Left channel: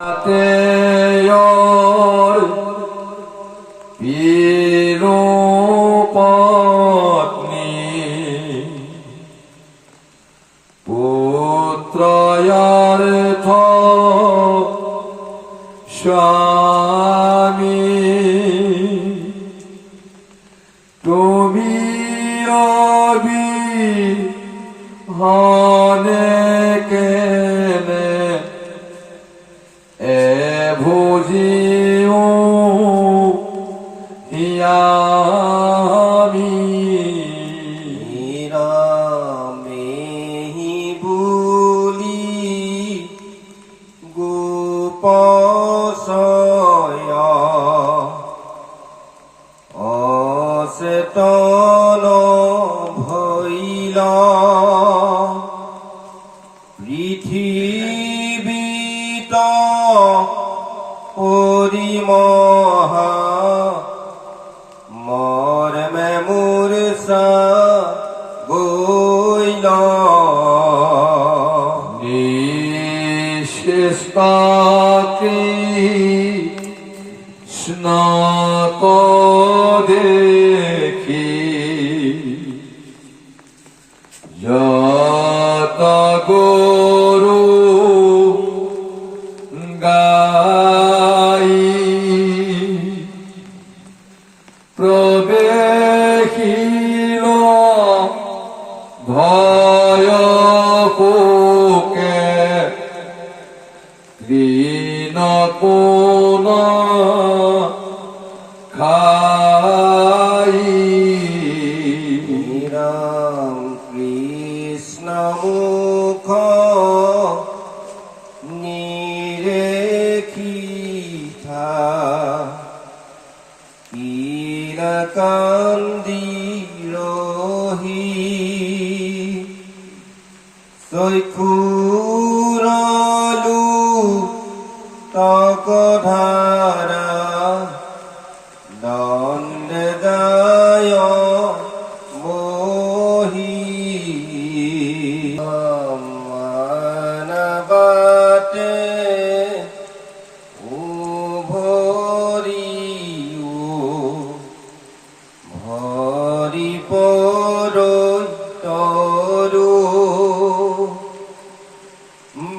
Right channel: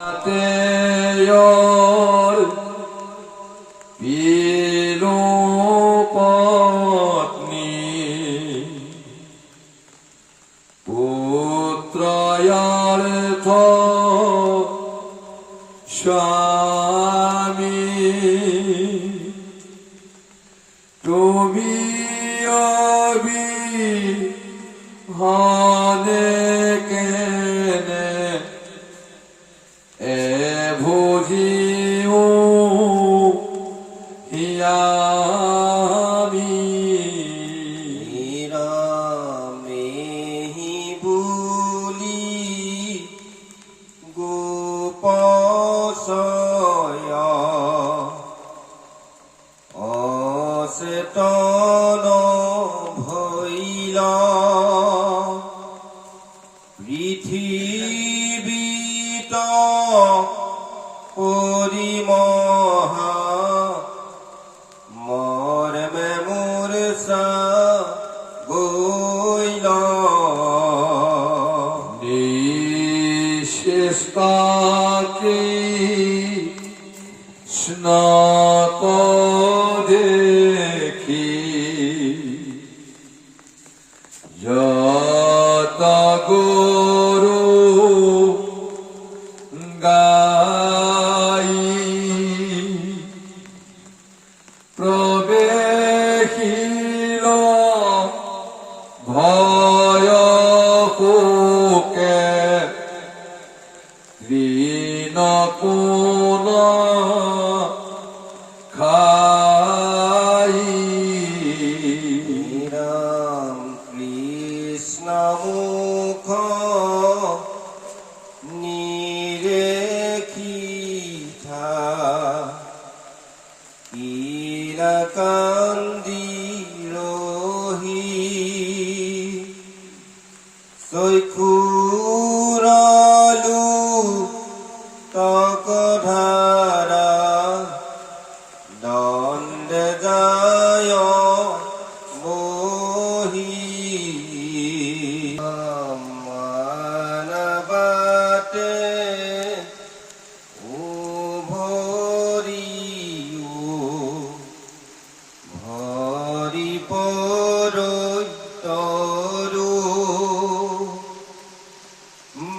Teyor pilu patni putrayartha swami tumi abhihane kene ভোজিও হিয়ামি রামেহি বুলি গোপসয় অচেতন ভৈলা পৃথিবীত পরিমহা মরমে মূর্ছা গইল নিশেষপাতি স্নাত দেখি যত গরু গাই প্রবেশিল ভয় শোকে তৃণ কোন খাই রাম কৃষ্ণ মুখ নিরেখিথা কান্দি রহি চক্ষুরলু তকধারা দণ্ডে যায় বহি মানবাতে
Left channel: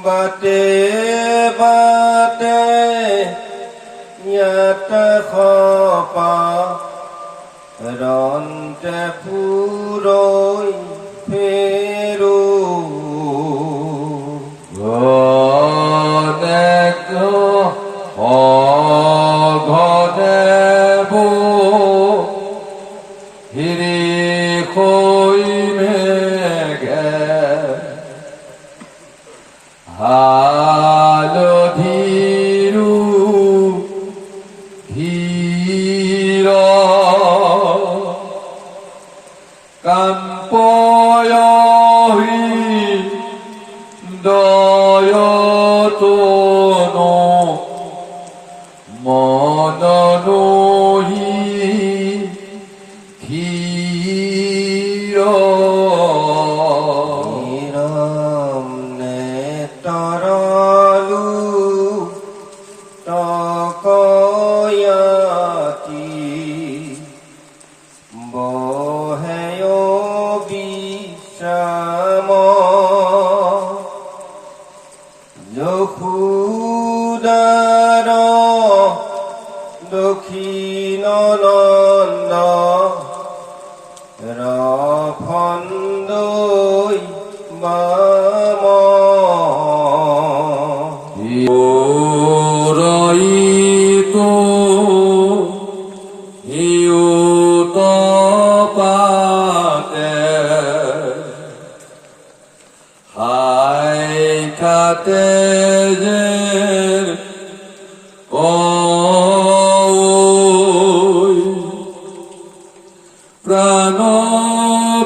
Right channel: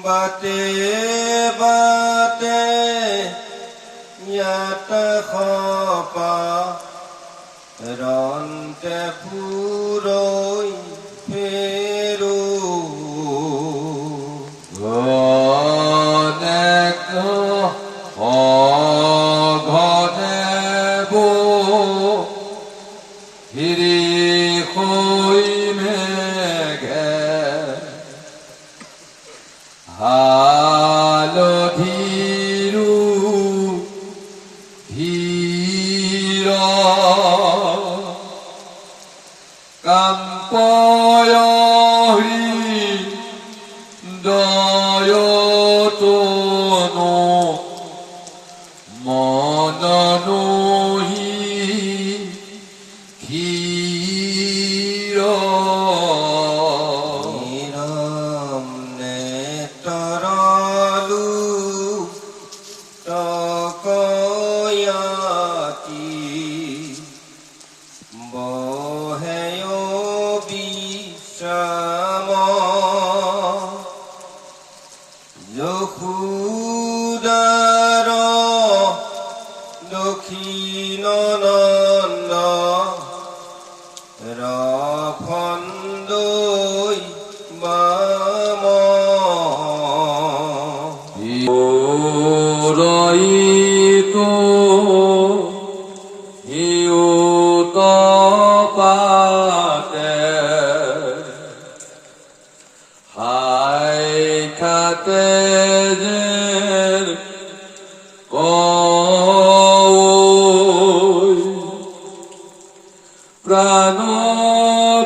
বাটে বাটে ইয়াতে খপা ৰন্তে ফুৰৈ ফেৰো ঘনে হিৰি হৈ মেঘে হালধিৰু ধীৰ কাম্পয়হি দয়তনো মননোহি ক্ষীৰ তৰলু তকয়াতি বহেয় বিশ্ৰাম যশোদাৰ দক্ষিণ নন্দ ৰফন্দৈ বাম ৰইতো হিউত পাতে হাই খাতে যেন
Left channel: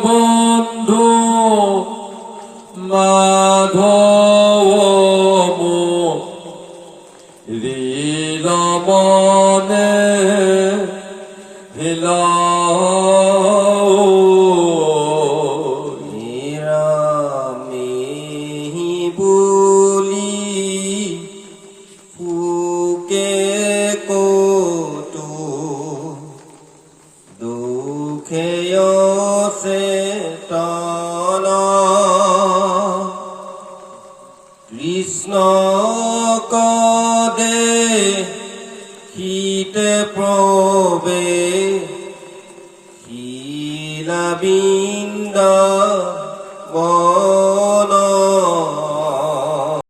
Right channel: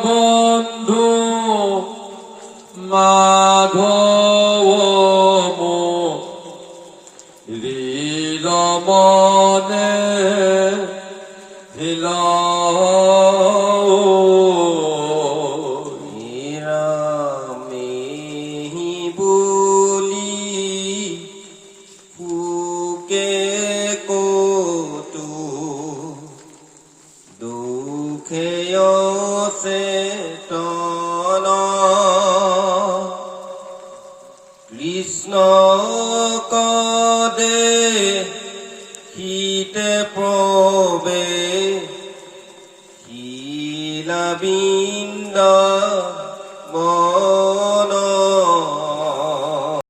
প্রাণবন্ধু মাধব হৃদ মনে হিল রামেহি বুলি দুঃখে কটু দুঃখে চেতন কৃষ্ণ কদে শীতে প্রবে শিলাবিন্দ